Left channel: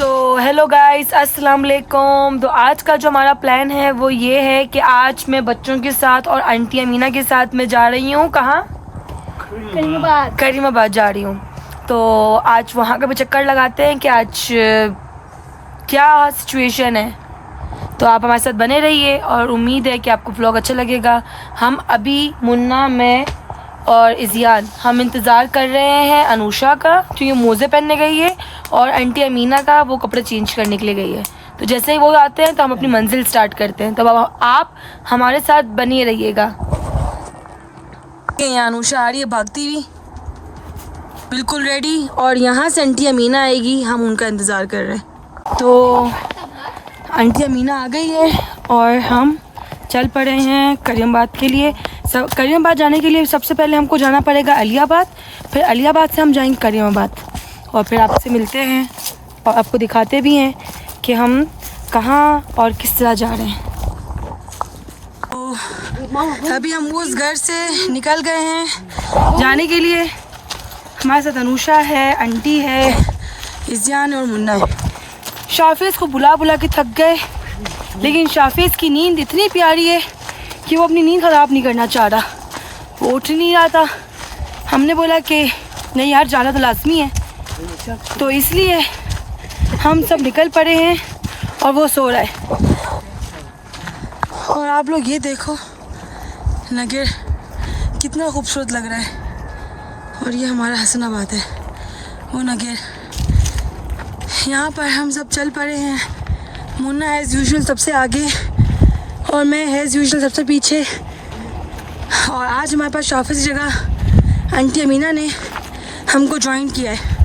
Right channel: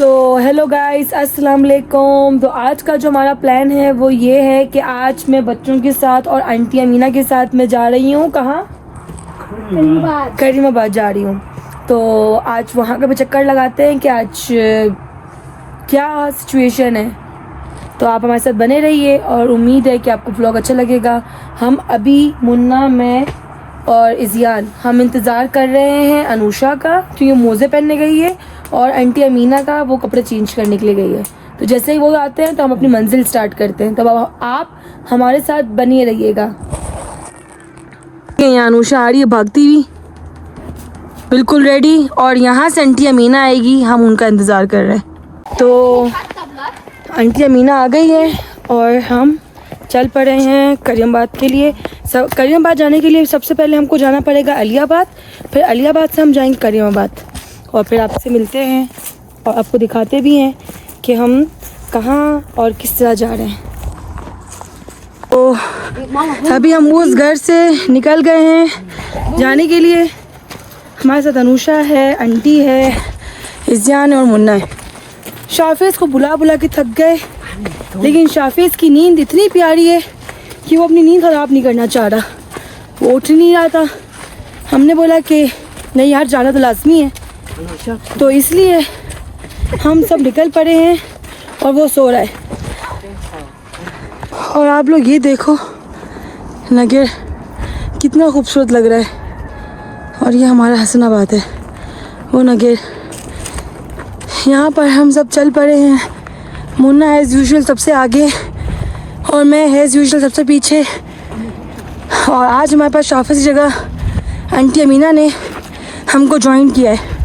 So hello guys, अस्सलाम वालेकुम। तो आज का जो हमारा प्लान है वो ये है कि आज मैं बच्चों के साथ और आंटी अमीना के साथ मैं जा रही हूँ। कहाँ? करीमाबाद जा रही हूँ। तो आज वहाँ का भी चक्कर लगाते हैं कि आज क्या सिचुएशन है। तो आप हमारे साथ बने रहिए और उम्मीद है कि आपको व्लॉग अच्छा लगेगा। हम अभी मुन्ना, मैं और इज़ियान हम इंतज़ार कर रहे हैं अनुषा का, क्योंकि मोज़े पहनने गई है, और आंटी अमीना का वो कपड़े चेंज करने के लिए गई है। तो जैसे ही वो आते हैं तो हम अपनी मंजिल स्टार्ट करते हैं। तो अब आप हमारे साथ बनिए रहिएगा। यहाँ अनुषा आ रही है भागती हुई, बिल्कुल रेडी, और यहाँ से आंटी अमीना आएगी, हम उनका इंतज़ार कर रहे हैं। तो आंटी अमीना आ गई है और हम चल पड़े हैं करीमाबाद के लिए। करीमाबाद जाने के लिए सबसे पहले हमको जाना पड़ेगा अलियाबाद, फिर अलियाबाद से हम जाएंगे करीमाबाद, और फिर आपसे मिलते हैं और आपको दिखाते भी हैं कि हम कहाँ और किस तरह जा रहे हैं। तो अभी हम उस घर से निकल गए हैं जाने के लिए। हमारे साथ अनुषा है, आंटी है, इज़ियान और मुन्ना है। शाफिज़ को बुला बुला के थक गए, लेकिन शाफिज़ की नींद इतनी प्यारी है कि वो अपनी नींद ख़राब नहीं करना चाह रहा। वो उठ नहीं रहा था। हमने बोला कि नहीं यार, जाना तो लाजमी है, तो इसलिए हम सब निकल पड़े हैं और वो सो रहा है। और आप लोग ये देखो नगर कितना खूबसूरत लग रहा है। और ये हमारा हसनाबाद है, वो नगर। यहाँ पर हम सब चल पड़े हैं। मुन्ना एज़ यूजुअल सबसे आगे और मैं एज़ यूजुअल सबसे पीछे। और आज हमारे पास शाफिज़ की जगह आंटी अमीना ने हमको ज्वाइन किया है।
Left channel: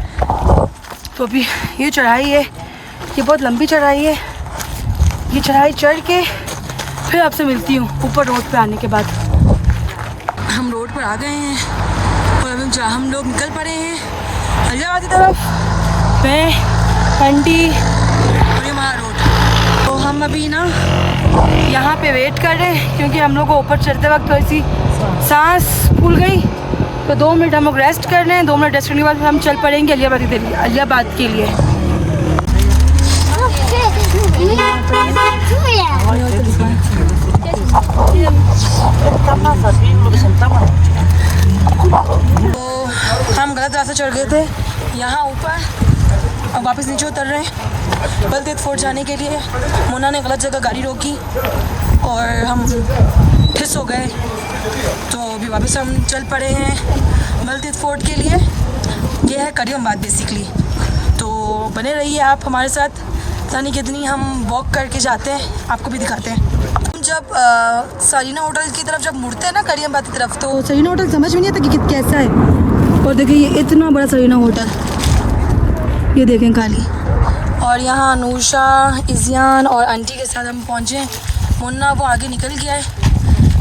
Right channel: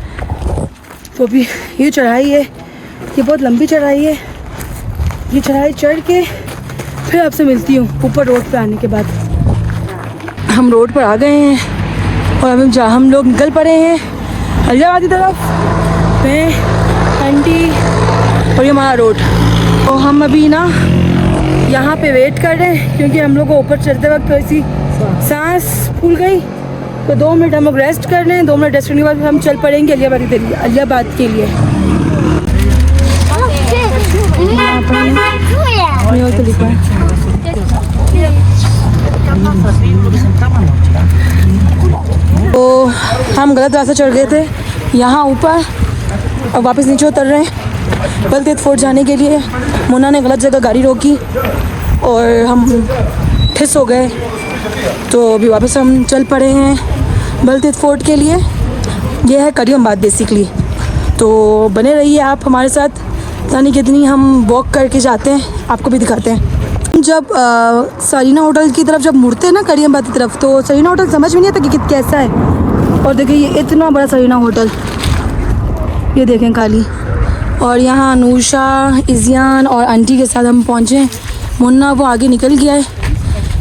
तो अभी ये चढ़ाई है, ये बहुत लंबी चढ़ाई है। ये चढ़ाई चढ़ के फिर आपसे मिलती हूँ ऊपर रोड पे आने के बाद। हम रोड पर आ गए हैं और अभी हम लोग निकल पड़े हैं अलियाबाद की तरफ। मैं, आंटी और ये हमारा रोड। तो हम अभी ना यहाँ पे वेट कर रहे हैं, क्योंकि हम लोग को ऊपर चढ़ते वक्त थोड़ी सी सांस फूल गई। तो 2 मिनट हम लोग रेस्ट कर रहे हैं। 2 मिनट रेस्ट करने के बाद हम चल पड़ेंगे अलियाबाद के लिए। तो हम गलत रास्ता चढ़ गए थे यहाँ ऊपर, अब वापस नीचे उतर रहे हैं बलतेज फोर्ट जाने के लिए। मुन्ना ने गलत जगह गाड़ी रोकी और हम ठिस हो गए, तो अभी वापस हम चल पड़े हैं बलतेज फोर्ट के लिए। ये है करीमाबाद बेसिकली। तो बने रहिए आप हमारे साथ, यानी कितनी हम वॉक करके जाते हैं आपको भी दिखाते हैं। जब सरीना होटल की तरफ जब मुड़ते हैं ना करीमाबाद की तरफ, तो सरीना होटल समझ में नहीं आता कि कैसा है। और देखिए ये इतना बड़ा सरीना होटल, ये देखें खाली। और यहाँ अनुषा, इज़ियान और आंटी के साथ हम पहुँचे। मुन्ना वो आगे निकल गया है।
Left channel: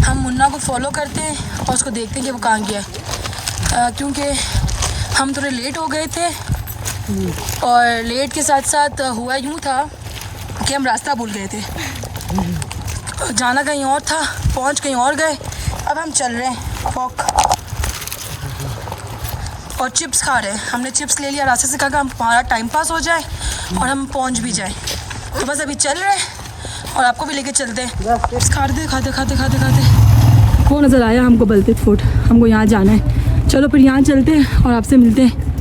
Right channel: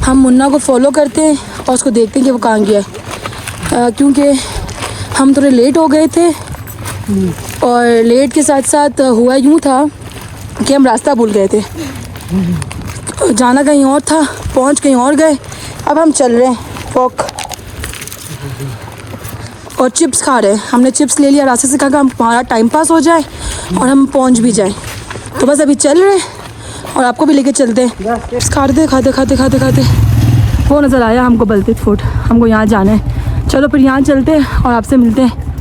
हम मुन्ना को फॉलो करते हैं और उसको देखते हैं कि वो कहाँ गया है, क्योंकि हम थोड़े लेट हो गए थे। और लेट के साथ साथ हुआ यूँ था कि हम रास्ता भूल गए थे, जाना कहीं और था, पहुँच कहीं और गए। अब हम चल रहे हैं वॉक और चिप्स खा रहे हैं। हमने चिप्स ले लिया रास्ते से, कहा हम हमारा टाइम पास हो जाए और हम पहुंच भी जाए। तो बस अभी चल रहे हैं और आपको भी लेके चलते हैं। चिप्स खाते खाते खाते खाते खाते वो नज़र आया हमको बलतेज फोर्ट, हमको यहाँ जाना है। चलो फिर यहाँ चलते हैं और आपसे मिलते हैं।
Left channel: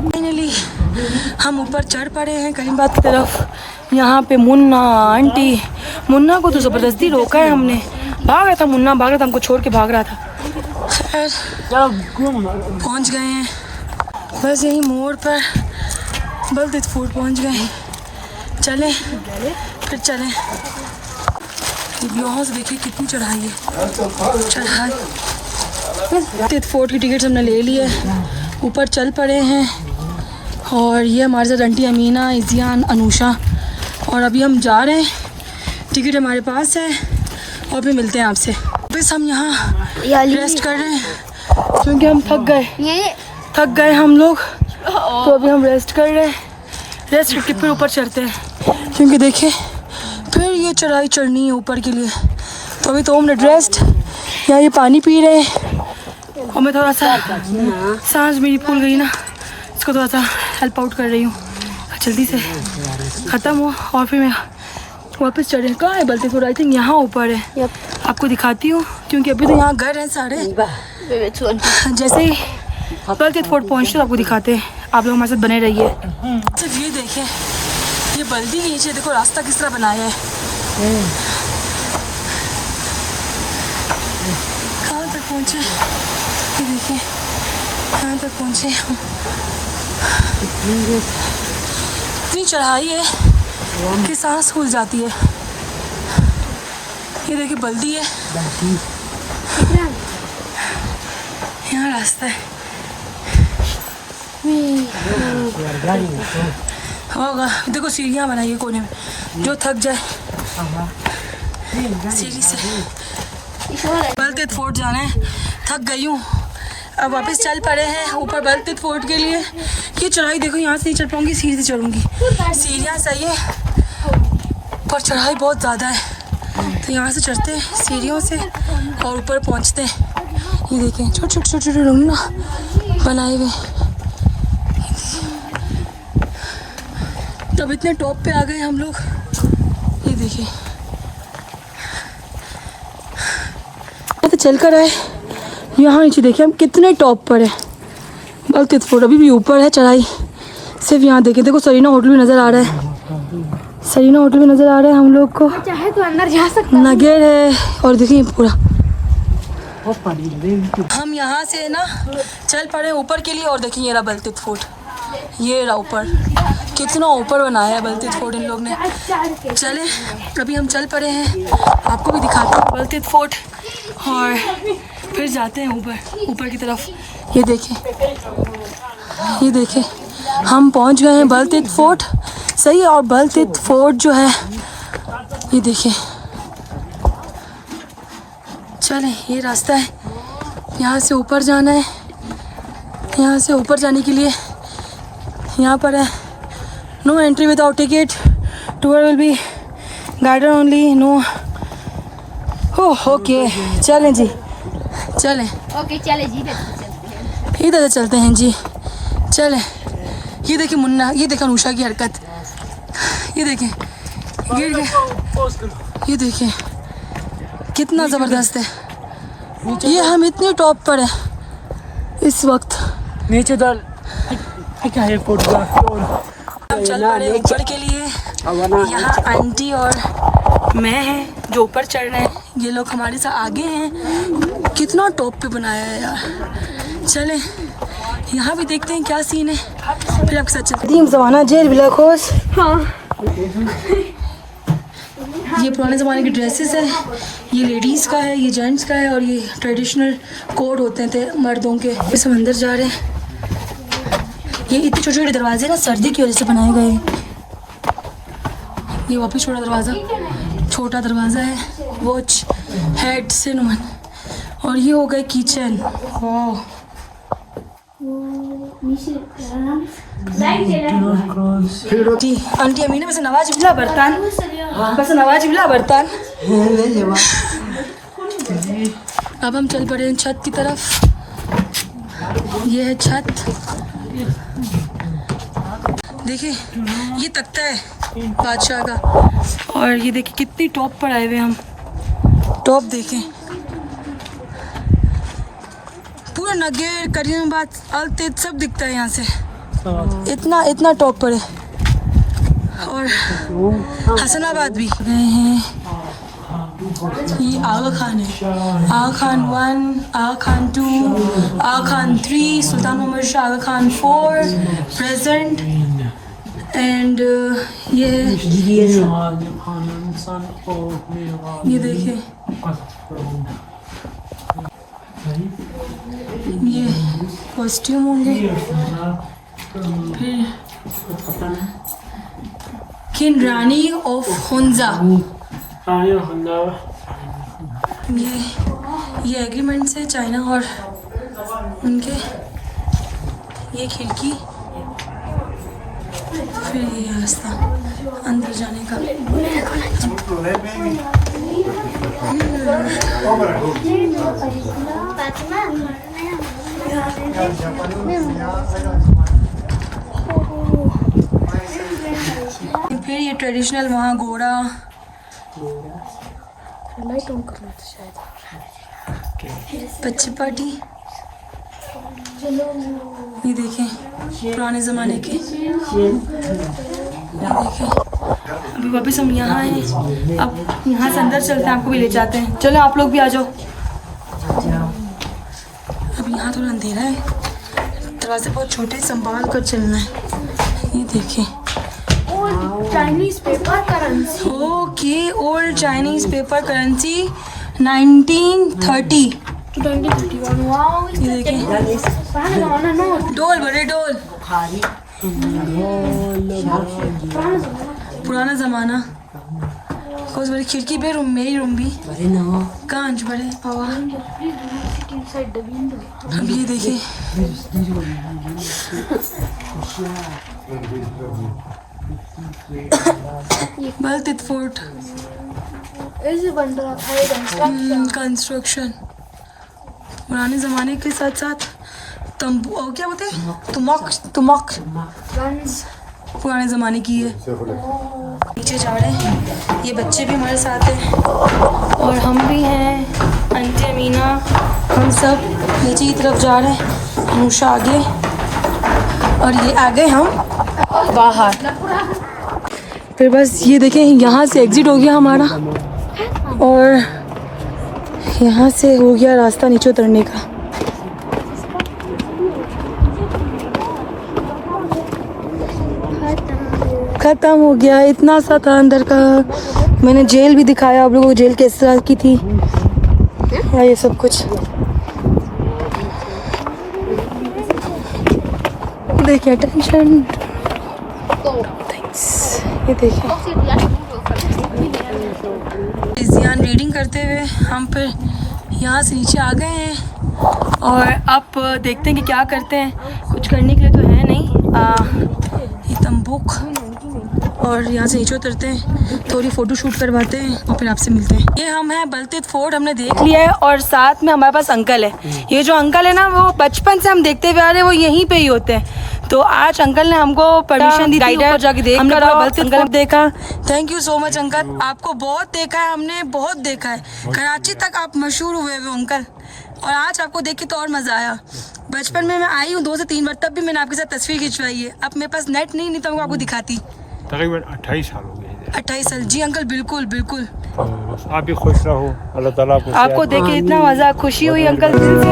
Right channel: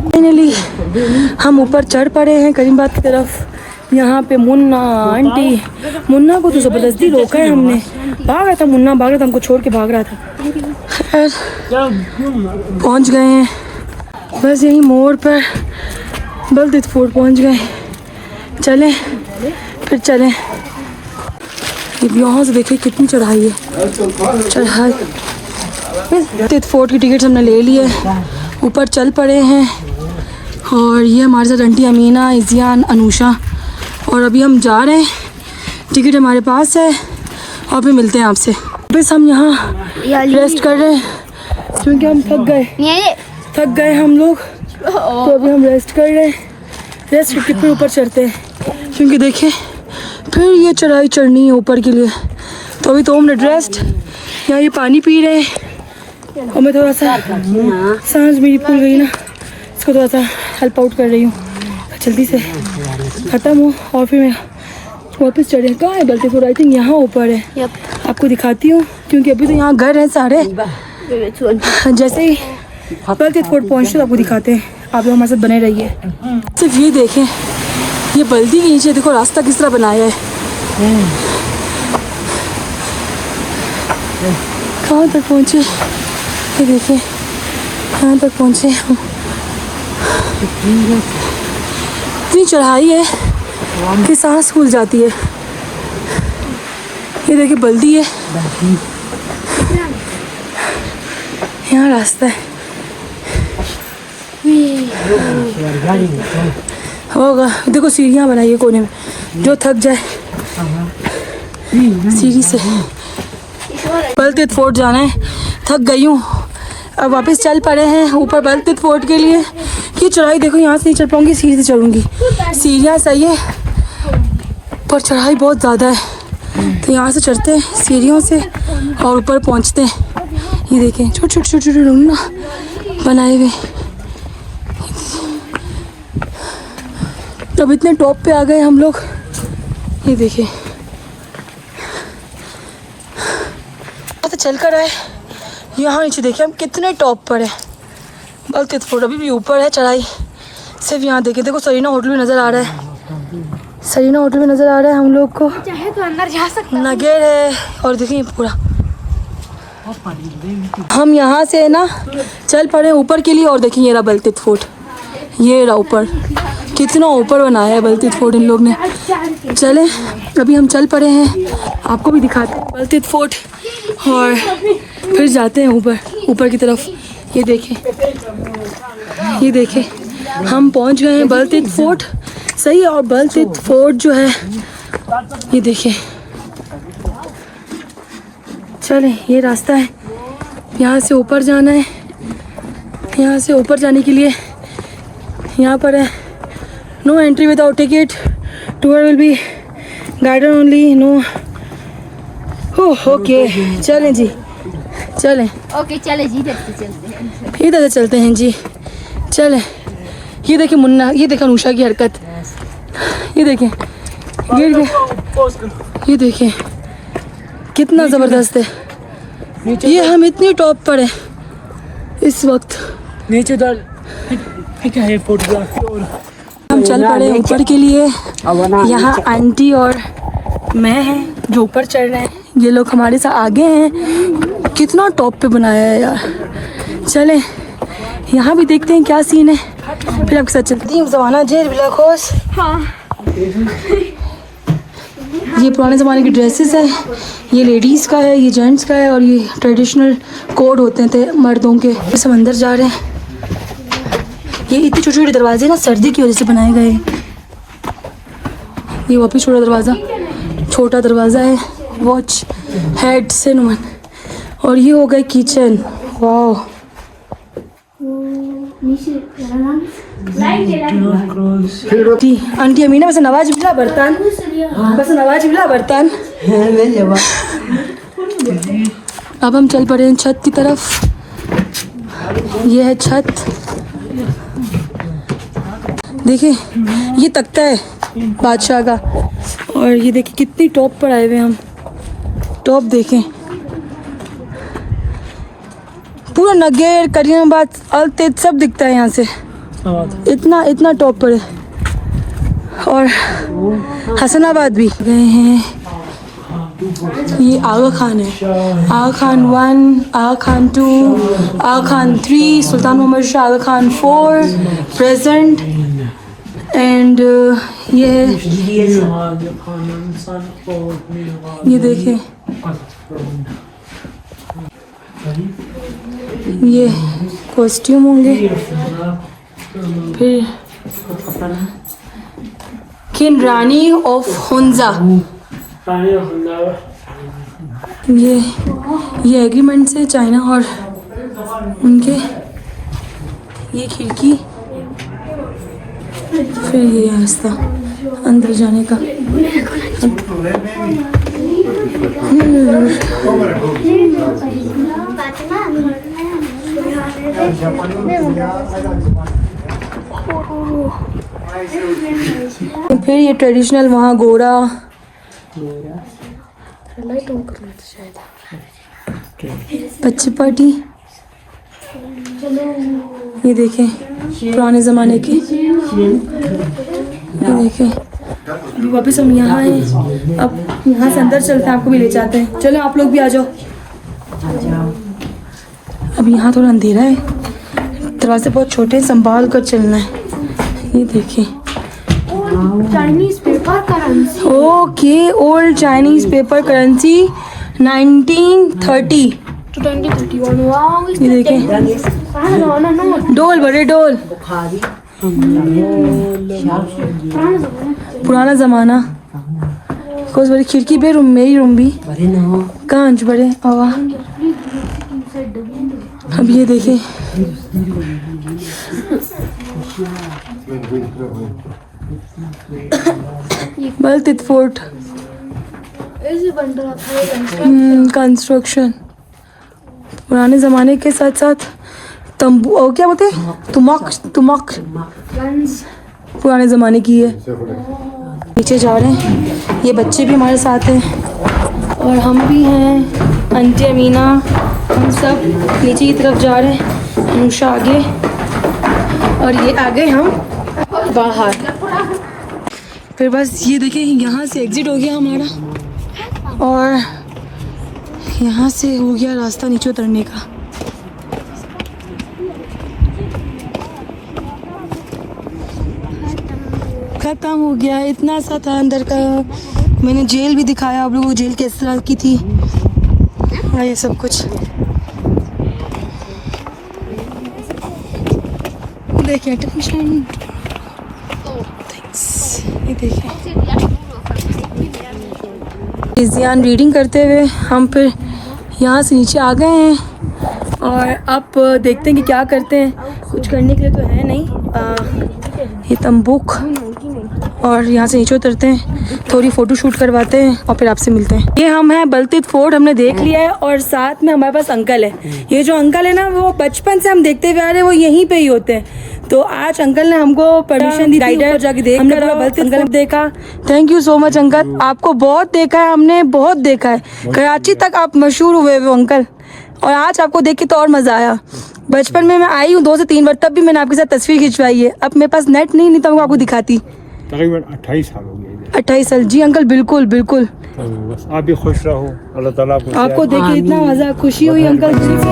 फाइनली हम ऊपर चढ़ पड़े हैं करीमाबाद की तरफ। यहाँ पे मुन्ना, आंटी, मुन्ना को तो ज़बरदस्ती रोका है हमने, भाग रहा था मुन्ना, भाग रहा था, हमको छोड़ के भाग रहा था। खैर पहुँच गए हैं, बस यहीं मोड़ पर बलतेज फोर्ट पहुँच गए। चलें फिर चलें। यहाँ से देखिए कितनी चढ़ाई है, चढ़ाई। बलतेज फोर्ट की टिकट हमने ले ली है, ऊपर चल पड़े हैं। और ये हमारे साथ आंटी अमीना, इज़ियान, अनुषा, और अभी हम जा रहे हैं। टिकट हमारे पास है और फिर मिलते हैं आपसे। बस हम यहाँ रेस्ट कर रहे हैं क्योंकि हम थक गए हम लोग। तो अभी हम रेस्ट कर रहे हैं, रेस्ट करके फिर ऊपर चढ़ते हैं, क्योंकि देखिए फिर ये चढ़ाई चढ़नी है ऊपर के लिए। तो अभी 2 मिनट रेस्ट। यहाँ ये पानी पी रहे हैं और मैं थोड़ा सा सांस मेरी फूल गई ना, इसको थोड़ा सा हेल्प आउट कर रही हूँ। जल्दी से ख़त्म हो और फिर मैं वापस चढ़े। कहाँ है बल्कि थोड़ा आई थिंक यहाँ ऊपर है। आपको दिखाती हूँ क्योंकि अभी तो यहाँ घर हैं सारे। जैसे ही बल्कि फोर्ट पहुँचते तो आपको दिखाते हैं। आप लोग हमारे साथ बने रहिए। सिर्फ ये देखें, ये बल्दी के नीचे देखो रास्ता किस तरह बनाया है। कहाँ तक पहुँचे ये देखें, कहाँ तक पहुँचे हम। इतनी चढ़ाई है कि सांस फूल जाती है। ये देखिए बल्दी है, यहाँ रास्ता है। होगा देखो सीढ़ियाँ बनाई है कोने में, जो थक जाए सीढ़ी से। बलतीत फोर्ट जाना है, थक गई हूँ, अब वापस चल पड़े हैं ऊपर बलतीत फोर्ट के लिए। ये चढ़ाई देखो, यहाँ से नहीं चढ़ पाऊँगी, सीढ़ी से चढ़ूँगी। सीढ़ियाँ सही है पर चढ़ाई बहुत ज़्यादा है, तो यहाँ से चढ़ते हैं सीढ़ियों से और ऊपर पहुँचते हैं। ये देखें छोटे छोटे छोटे छोटे रूम ना बनाए हुए। अब इतने टॉप पे आ गए हम लोग। ये देखिए तो चल कर आए यहाँ नीचे, देखिए हम कितने टॉप पर है। बलतीत फोर्ट अभी भी ऊपर है चढ़ाई। सिर्फ यहाँ देखें, देखो सरीना होटल भी नज़र आ रहा है। सरीना होटल भी नज़र आ रहा है हम लोग को। चाहे तो अंदर जा सकते नगेर है। और देखिए पूरा हम यहाँ से ना चल पड़े ऊपर के लिए। और देखिए ये रहा बलतीत फोर्ट, ये रहा ऊपर, कितना ऊपर बनाया है बलतीत फोर्ट इन लोग ने। चले अभी हम चल पड़े हैं, आपको भी दिखाते हैं बलतीत फोर्ट और फिर जाते हैं ऊपर की तरफ। ये देखें, ये देखें हम पहुंच गए हैं बलतीत फोर्ट। सही है। और बलतीत फोर्ट जो है ये देखें, चलें ये रास्ता है, यहाँ से ऊपर जाना है। यहाँ से ऊपर जाने के लिए यहाँ पर है no entry without ticket, tour will be guided only, no. Okay चलें जी, चलें। ओके चले जी, इधर से चलते हैं जी, चलें। ये देखें मुन्ना, ये देखें अनुषा की हरकत, ये देखें गिर गए। ये देखें कितना ज़बरदस्त है। ये हम इतनी टॉप पर है इस वक्त। नीचे दर क्या है फोटोग्राफी। हम चल पड़े ऊपर के लिए। यहाँ आंटी और मैं हैं जो ऊपर चढ़ रहे हैं, ये लोग हमारे साथ आगे हैं। कितना टॉप पे बनाया है यार। चलें यहाँ भी देखते हैं क्या सीन है, फिर आपके साथ चलते हैं। ज़माना जेल बिला खोस। ये पुराने ज़माने की ड्रेसेस है, ये लेडीज़ का है, ये जेंट्स का है, और ये ट्रेडिशनल कोड होते थे मर्दों के। सब अंदर जा रहे हैं। ये इतने छोटे छोटे दरवाजे ना सर्दी की वजह से बनाए गए। ये वापस छोटा दरवाज़ा है, वॉच हेड से नुमान। और ये हो गए किचन। वाह जी आंटी अमीना बस नवाज बिला बर्तन, बस नवाज बिला बर्तन। अब हम चल पड़े हैं छत की तरफ। ये है छत, देखिए ये तख्ता है बादशाह का। और ये देखिए कितनी टॉप पर आए हुए हम। टॉप देखें, पूरा नगेर करीमाबाद अलतेज सब दिखता है यहाँ से। इतना टॉप पर है। और हसनाबाद भी गए हैं। ये आगा खान है, आगा खान 1, आगा खान 2, आगा खान 3, सुल्तान मोहम्मद शाह आगा खान 4 प्रेजेंट। एंड ये देखें, ये कॉस्ट्यूम होंगे। फिर किन रानी ऑफ हुंजा, ये एग्रीमेंट से चाइना और उनके। ये खिड़की, फिर ये रास्ता अंदर जाने का। फिर ये ट्रेडिशनल वहाँ घोड़ा, बच्चे पार्टी, ये देखें पुराने ज़माने के, ये देखें। अभी वापस हम यहाँ हैं, अब यहाँ से अंदर चलते हैं, आपको भी ले जाते हैं। चलो आप लोग भी आ जाओ। अब यहाँ थोड़ा अंधेरा है, दरवाजे बहुत छोटे हैं, संभाल कर चलना है। ये देखें Chinese paper currency. Okay, old Chinese paper currency 1930। ये देखें डोल, बड़े डोल, पुराना ज़माना। कोई बड़ी खिड़की पे रूम, मेरी रूम भी कांच बड़े। अब ये देखें बलतीत फोर्ट कंस्ट्रक्शन, पुराने ज़माने के साथ साथ तंबू और क्या बोलते हैं, तुमक पुराने ज़माने की है। नीचे जा रहे हैं, ये बच्चे भी हमारे साथ हैं और हम भी हैं, आंटी अमीना, हम सब नीचे की तरफ जा रहे हैं। अनुषा आगे और ये आगे, हम बाहर। फिर बस ये देखें, यहाँ से एग्ज़िट हो गया हमारा और यहाँ से हो गया रास्ता नीचे उतरने का। ख़त्म हो गया, इतना सा था अंदर का। मैंने जेल भी दिखाया आप लोगों को, जेल किस तरह की थी और ये सब कुछ। देखिए टेंशन, ये देखिए ध्यान रीडिंग करते हुए हम फिर यहाँ से नीचे आ गए हैं और अब देखते हैं कि क्या करते हैं। कुछ करने के लिए तो है नहीं, ये तंबूक, और यहाँ से नीचे उतरते हैं, थोड़ी फ़ोटो शूट करवाते हैं और फिर आपसे मिलते हैं। ये हम हैं बलतीत फोर्ट, हमने देख लिया है और साथ में हमारे पास अंकल है। ये जो अंकल है ना, वो बचपन से हम देखते हुए आ रहे हैं, वो यहीं पे ही होते हैं। तो आज अंकल ने हमको परमिशन दी थी ऊपर जाके देख कर बलतीत फोर्ट देखा। Thank you so much uncle, आपको बहुत देखा है हमने, बहुत देखा है। कराची तक आप मशहूर हुए वो अंकल, और आज आपको देख के तो और मज़ा आया। बचपन में मैं आई हूँ 2 से 3 बार, तब भी मैंने आपके साथ तस्वीर खिंचवाई है। अब मेरे पास नेट नहीं तो मैं आपको दिखाती। तकरीबन 28 साल हो गए। 28 साल, जी अंकल, बिल्कुल बिल्कुल। बस आप भी खुश रहो, अल्लाह ताला आपको देख के इतना मज़ा, खुशी हुई अंकल दिल से।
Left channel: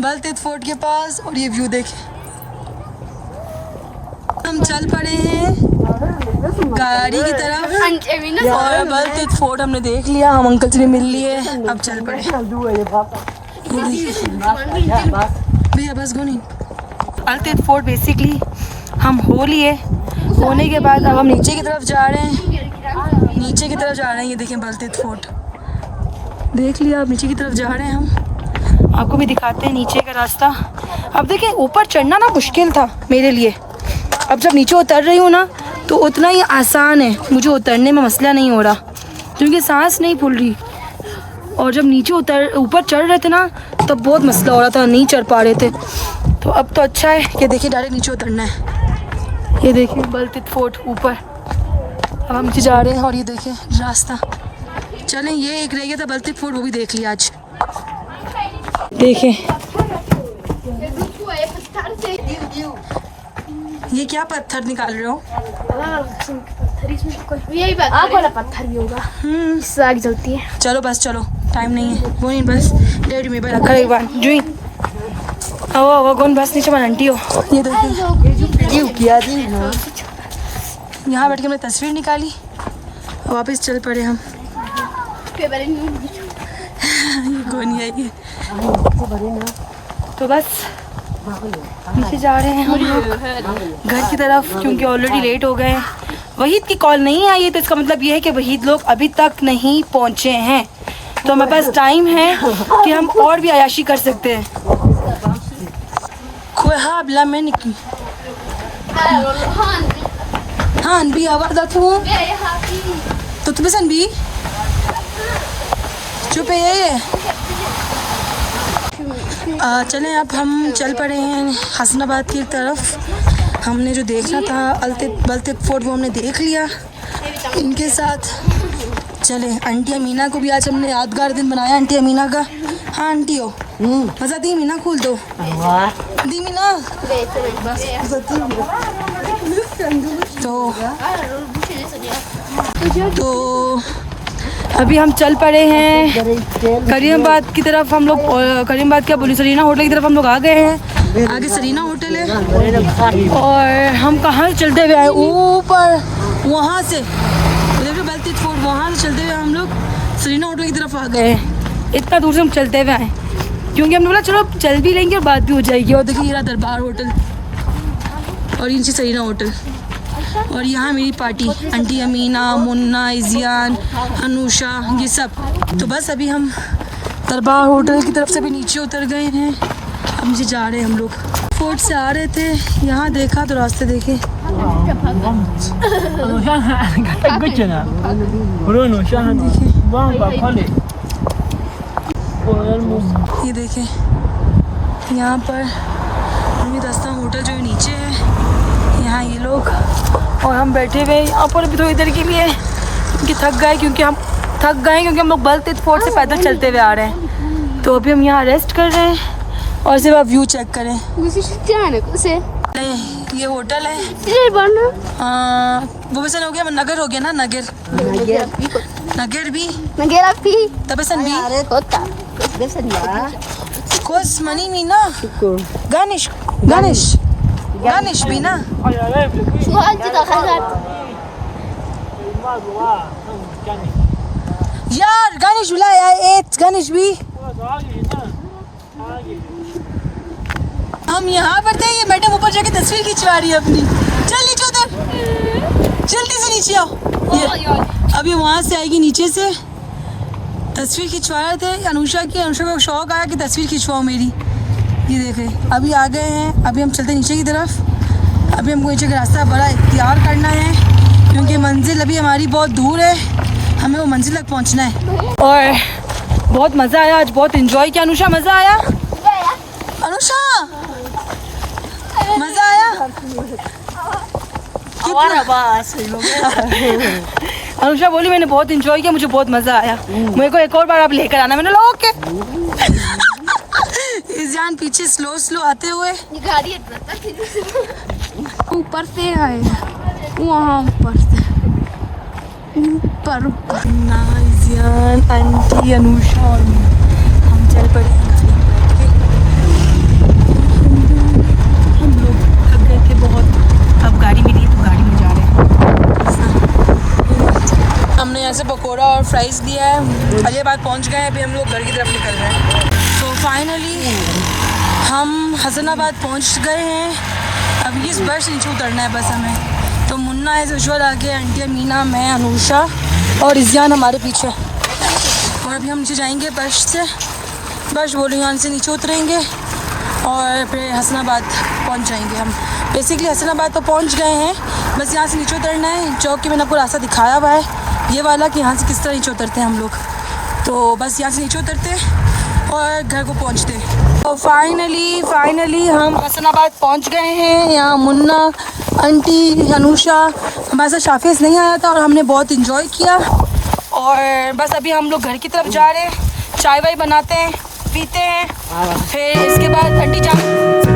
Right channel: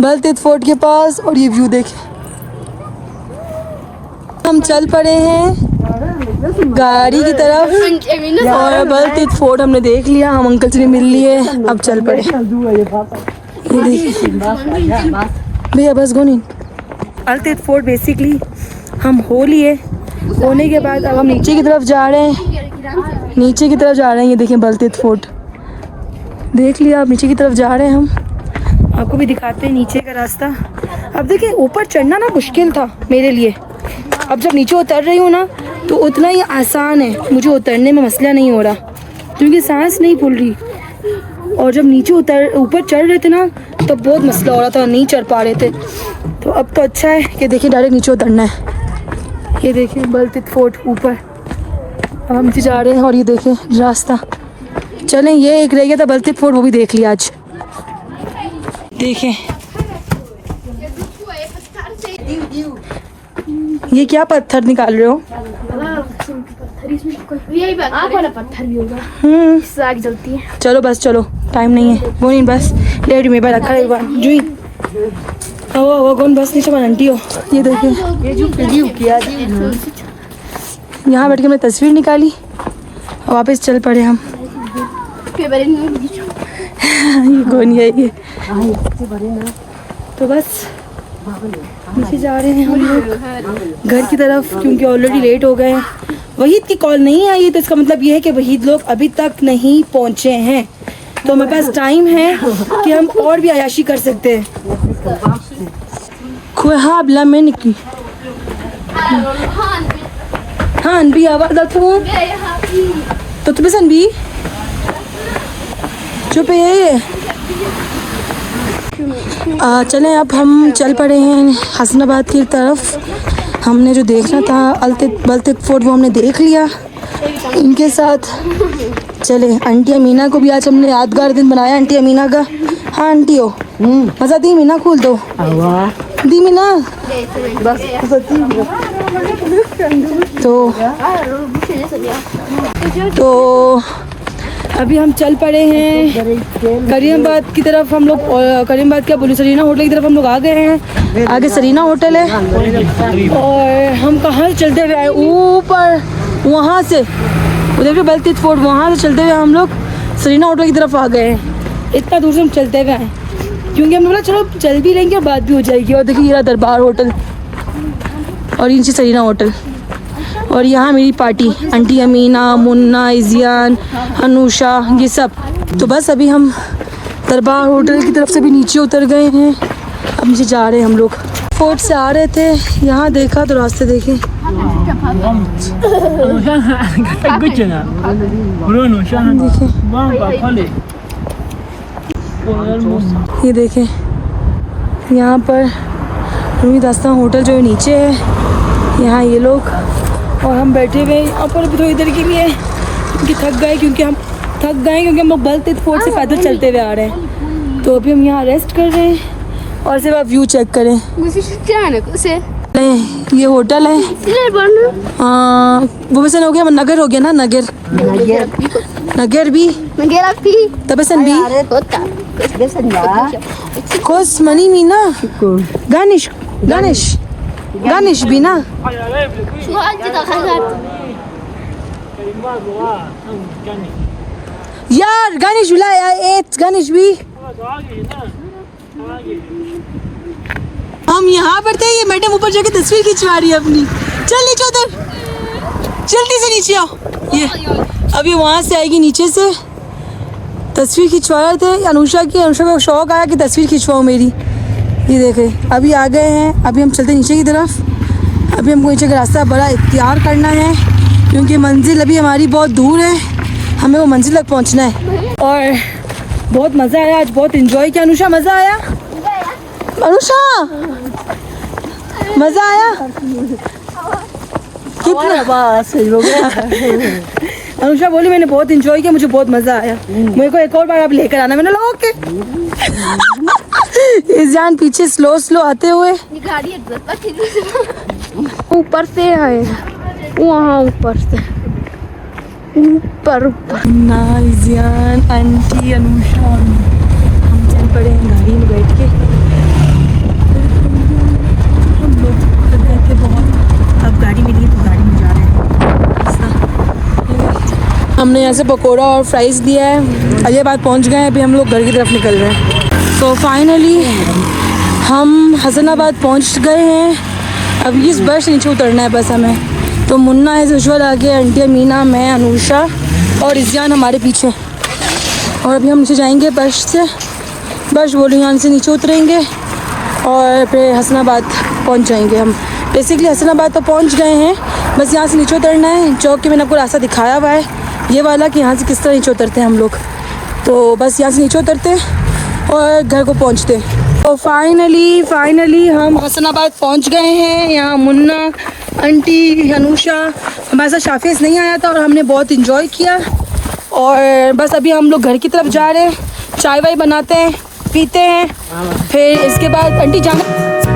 बलतीत फोर्ट के पास और ये व्यू देखें। हम चल पड़े हैं गाड़ी की तरफ और बलतीत फोर्ट हमने देख लिया, हम अंकल जी ने मिल लिए, अब चल पड़े। भैया बस गोनी, बलतीत फोर्ट बेसिकली हम हो लिए। होने के बाद अब हम नीचे की तरफ जा रहे हैं, नीचे की तरफ जा रहे हैं। ये देखें बलतीत फोर्ट देख लिया, अब नीचे की तरफ जा रहे हैं हम, आपको भी दिखाते हैं नीचे का रास्ता। अब देखिए ऊपर चढ़ना ना मुश्किल था मेरे लिए, अब जब नीचे उतर रही हूँ ना तो उतना ही आसान है, मुझे उतरने में मसला नहीं हो रहा क्योंकि सांस नहीं फूल रही। और जब नीचे ऊपर चढ़ रहे थे ना तब तो बहुत मसला हो रहा था, नहीं चढ़ पा रहे थे। तो अब तो अच्छा है कि देखिए डायरेक्ट नीचे उतरना है। ये देखिए बलतीत फोर्ट ऊपर, अब हम नीचे जा रहे हैं और ये देखें रास्ता। चलें, ये एक रह गया था बलतीत फोर्ट, वो भी देख लिया आज। देखें ये क्या पत्थर निकाल रहे हो? पत्थर भी होगा। चलो बस चलो, टाइम नहीं है। वो नहीं बस लेट में रखा एक बार जुई वो कौन बस नीचे आंटी हो। ये देखिए यहाँ बैठ के हमने तस्वीर निकाली और वापस चल पड़े हम। ये कौन है ये? तो बस नीचे जा रहे हैं हम लोग घर की तरफ, क्योंकि ऑलरेडी लेट हो गए हैं। वहीद की कॉल नहीं आई है, तो इसका मतलब ये है कि वहीद लोग अभी तक नहीं पहुँचे हैं। तो हमारे पास टाइम है कि हम और भी अयाशी कर सकते हैं। हाँ बिला मैं निकली हाँ अनबी आवाज़ आती तो तुम्हें अनबी चुप है ये। चलें अब हम चल पड़े हैं हसनाबाद की तरफ। हमने जो देखना था बलतित फोर्ट वो हमने देख लिया इनके साथ। चले आंटी अमीना को भी आज हमने यादगार दिन बनाया आंटी अमीना का। हाँ आंटी हो मज़ा दी मीना खोल दो दी मीना तो अभी हम चल पड़े हैं करीमाबाद की तरफ। हम लोग करीमाबाद क्या बोली सरीना होटल की तरफ हम लोग आ गए हैं। आगे सरीना होटल है और हम कहाँ चलते हुए आए ऊपर वहाँ से उधर बलतीत फोर्ट वहाँ से चलते हुए हम लोग सरीना होटल की तरफ आ गए हैं। इतना दूर से हम चलते हुए आए क्योंकि हमने बोला चलो चल भी लेंगे और बात भी हो जाएगी। और देखिए ये दरबार होटल और नीचे सरीना होटल और यहाँ मेरी पार्टी आंटी अमीना मुन्ना इज़ियान अनुषा ये सब। तो बस अभी हम दरबार होटल की तरफ से भी नीचे उतर गए हैं। अब नीचे जा रहे हैं हम लोग। फोर्ट से आ रहे थे यहाँ देखा तो रास्ते देखे ये देखें यहाँ पर रूमी दास्तान होटल जो है नीचे है। यहाँ ये लोग और हम बैठे हुए हैं यहाँ पर अभी थोड़ी देर के लिए क्योंकि थक गए क्योंकि हम लोग बलतीत फोर्ट से पैदल चलते हुए आ रहे हैं। तो अभी हम यहाँ रेस्ट कर रहे हैं और सिर्फ आप व्यू चेक करें। ये होटल है वो वैसे हो गया नगर हो गया ना नगर भी तबसन भी कोस मनी मीना गानिश भी ना यार गानिश बुलाया गानिश भी। हम यहाँ पर थे ये मैडम ऊपर जाके तस्वीर खिंचवा रही है अपनी। चल नीचे उधर जल्दी से नीचे आओ। ये अभी वहाँ से आएगी नीचे से तस्वीर खिंचवा रहे थे अनुषा को शौक आया कि तस्वीर खिंचवाओ मेरी। ये देखें अभी आ गए हैं। अभी हम चलते नीचे की तरफ। अभी हमको नीचे का रास्ता बड़ा इख्तियार करना है क्योंकि मंजिल अभी हमारी बहुत दूर है। हमें वो मंजिल तक पहुंचना है और बहुत मज़ा आया आज, बहुत इन्जॉय किया। अनुषा मज़ा आया? अनुषा मज़ा आया? अनुषा बोली मैंने बहुत इन्जॉय किया, मुझे बहुत मज़ा आया, मेरे को एक और बार आप लेकर आना। मैंने लोग ओके। इज़ान पीछे स्लो आते हुए ऊपर से आए वहाँ ऊपर ना इज़ान आंटी अनुषा हम चल पड़े हैं गाड़ी में बैठ के। हम लोग थक गए थे बहुत, अब गाड़ी मिली है तो गाड़ी में जा रहे हैं। हमने यहाँ से पकौड़ा और फ्राइज़ लिया है। अलीबाग पहुँच गए हैं। अभी हम लोग घर की तरफ निकल रहे हैं। तो फाइनली हम हसनाबाद पहुँच गए हैं। अब इस बस नीचे उतरना है बस हमें। तो मुन्ना है जुशवल आगे, आंटी अमीना, मैं, अनुषा और इज़ियान हमारे पीछे। और अभी हम नीचे जाएंगे बस से। बस बोलियान से नीचे उतरेंगे और फिर हसनाबाद पहुँच जाएंगे हम। बेसिकली हसनाबाद तो पहुँच गए हैं, बस यहाँ से नीचे उतरना है। चौक के मैंने आपको रास्ता दिखाया हुआ है ये वाला कि यहाँ से किस तरह नीचे उतरते हैं हम लोग। तो बस यहाँ से नीचे उतरते और घर को पहुँचते। तो फाइनली हम हसनाबाद पहुँच गए हैं। यहाँ मुन्ना, आंटी, अनुषा, हमारे साथ शाफिज़ नहीं आया था और हमने बहुत इन्जॉय किया। और बस अभी हम लोग घर की तरफ जा रहे हैं। चाय वाय बनाते हैं, पीते हैं, फिर इसके बाद आंटी जाना